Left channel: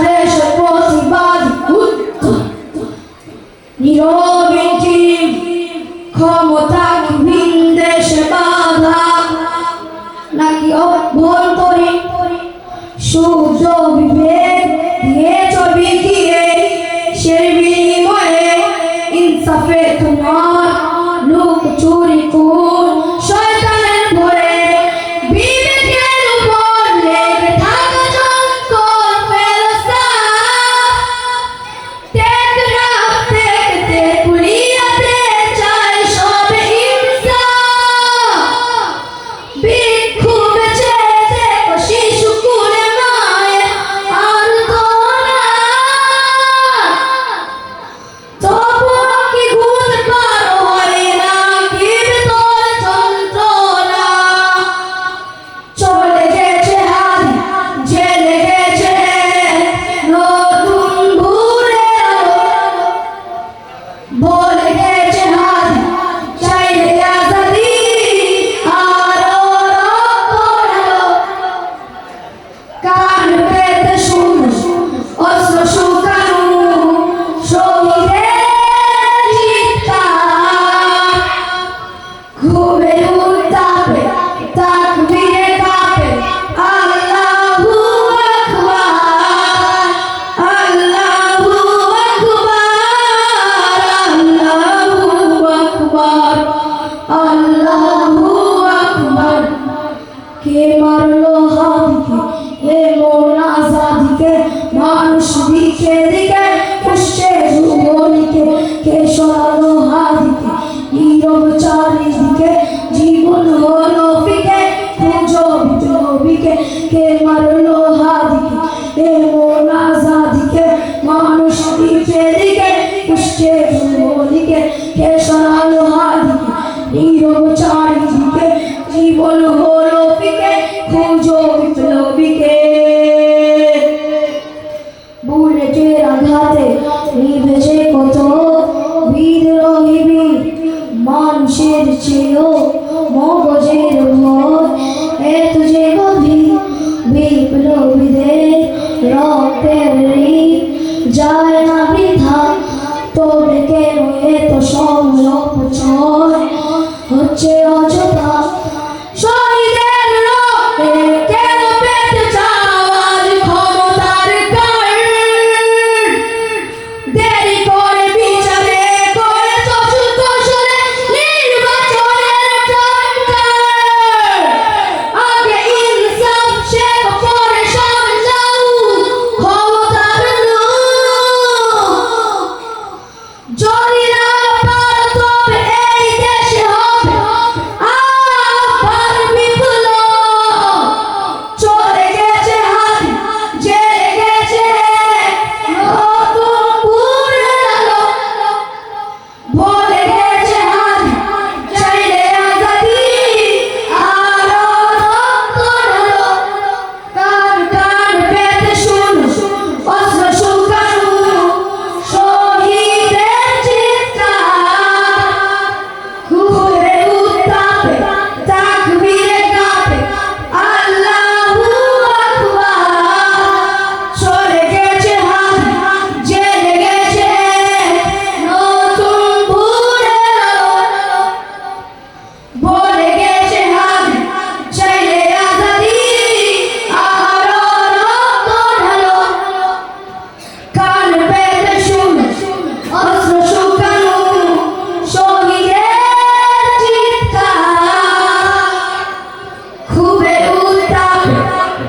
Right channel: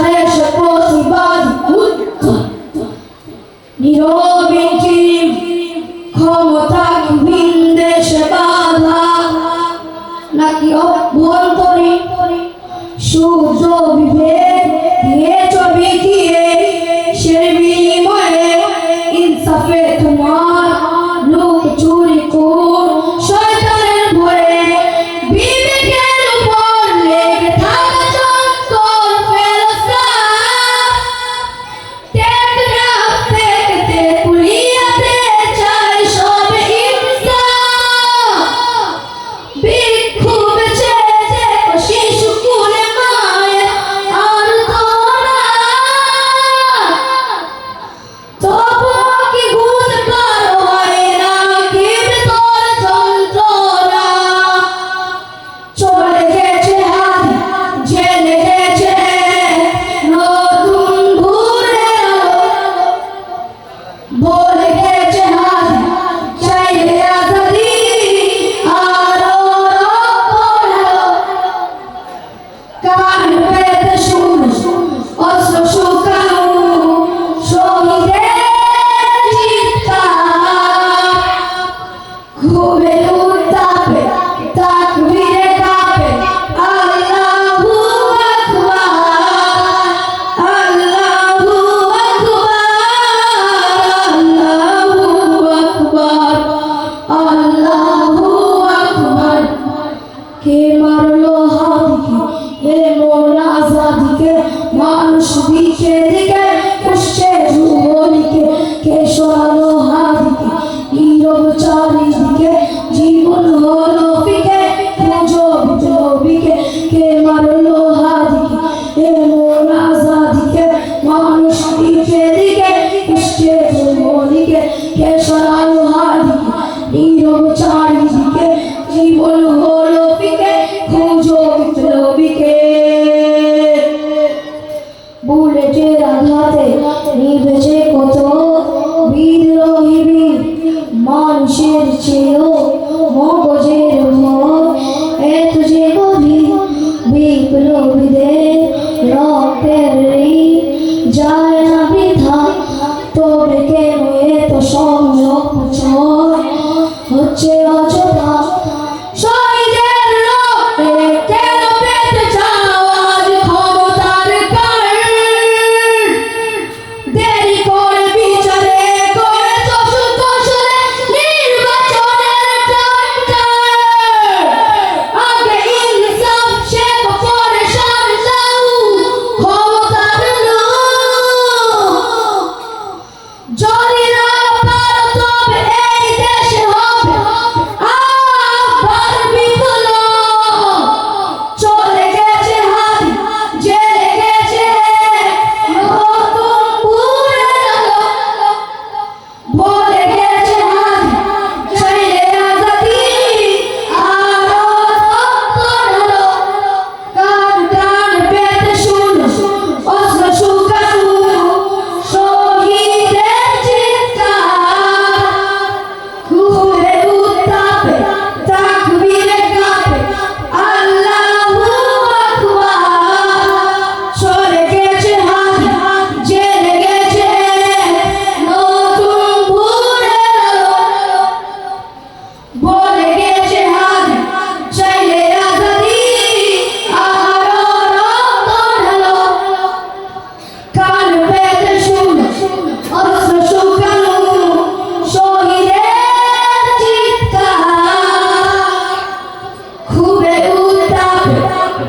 বাংলাদেশ প্রতিবাদ নীরবে ক্ষমতাহীন দেশে বাধা নাকি অভ্যন্তরীণ সূর্য বিভেদ দিয়ে চলবে গিয়ে সে বিনিময়ে ইনসাফে তোমার লোক চুরি কোন শয়তানের ভরে বিবেকের উপর লেগে থাকা যন্ত্র ফেরস্তা টেকনাফ থেকে পুলিয়াতে চাই সবে ইনসাফ ভিক্ষু বেচে দেখো শিশু কুলে মায়ের আর্তনা তবুও কি ভুল পার হয় না কি তোর যন্ত্রণা চলে গেছে হাত জেলে গেছে নতুন ভুলে বলে গেছে হাত চাইলে আজাদি আরো কান পেতে শুন অস্ত্র শুকানো শহীদের চিৎকার ঘুমে উত্তাপে তাকবীরে কাঁপে আল্লাহু আকবার আল্লাহু আকবার আল্লাহু আকবার আল্লাহু আকবার কে মারলো হাদিকে এমন আজাদিকে মানুষ দিকে দিকে পুষছে যুবলীকে কে সরালো হাদিকে নীরব চারিদিকে জীবন হলো ফিকে পুজো বিপ্লবীকে কে মারলো হাদিকে এমন আজাদিকে মানুষ দিকে দিকে পুষছে যুবলীকে কে সরালো হাদিকে নীরব চারিদিকে জীবন হলো ফিকে পুজো বিপ্লবীকে বুলেটের আঘাতে নিভেছে কত বিদ্রোহী বীর মানুষের ছিল মগজের ভয় এত যে গভীর বিপ্লবীদের রক্তের ঋণ যায় না বৃথা তবে কেন এত সংরক্ষণ হচ্ছে অযথা শহীদের রক্তে কেন পেতে চাওয়ার ক্ষমতার কারণ দেরি করে বিচারে করে চতুর্দশরে নির্বাচনের টঙ্কার আগে ইনসাফ সে পরে সংলাউ ক্ষমতার যদি না পারো তবে এই দেশে হবে আবার বিপ্লব চলে গেছে হাত জেলে গেছে নতুন ভোরের আলো বলে গেছে হাত চাইলে আজাদি আরো রক্ত কান কান পেতে শুন অস্ত্র শুকানো শহীদের চিৎকার ঘুরে উত্তাপে তাকবীরে কাঁপে আল্লাহু আকবার চলে গেছে হাত জেলে গেছে নতুন ভোরের আলো বলে গেছে হাত চাইলে আজাদি আরো রক্ত ঢালো কান পেতে শুন অস্ত্র শুকানো শহীদের চিৎকার ঘুরে উত্তাপে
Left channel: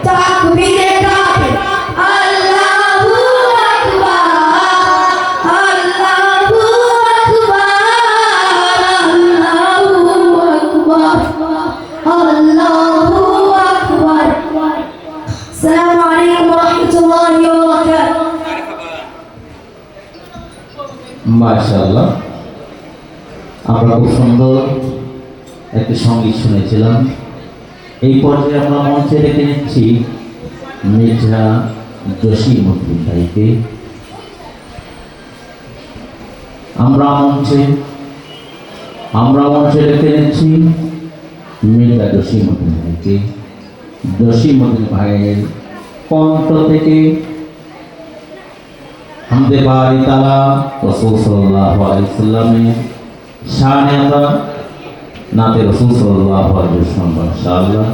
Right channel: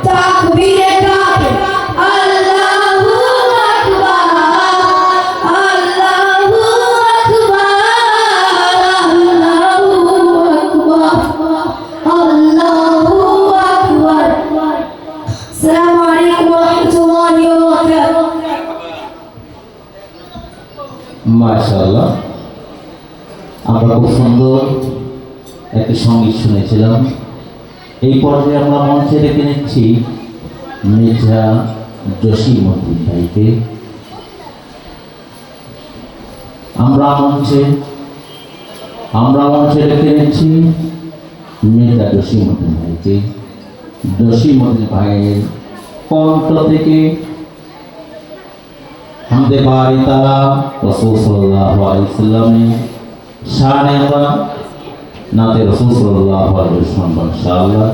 তাকবীরে কাঁপে আল্লাহু আকবার আল্লাহু আকবার আল্লাহু আকবার আসসালামু আলাইকুম ওয়া রাহমাতুল্লাহি ওয়া বারাকাতুহু মাশাআল্লাহ আমরা খুব সুন্দর একটা সঙ্গীত শুনেছিলাম। এই পর্যায়ে আমরা মঞ্চে ডেকে নিচ্ছি মির্জা জসিমউদ্দিন ভাইকে। আমরা মঞ্চে ডেকে নিচ্ছি মির্জা জসিমউদ্দিন ভাইকে। জসিমউদ্দিন ভাইয়ের কণ্ঠ থেকে মধ্যে বাড়ি তালা রাসূল সাল্লাল্লাহু আলাইহি ওয়াসাল্লামের শানে আতা নাতে রাসূল সাল্লাল্লাহু আলাইহি ওয়াসাল্লাম ইনশাআল্লাহ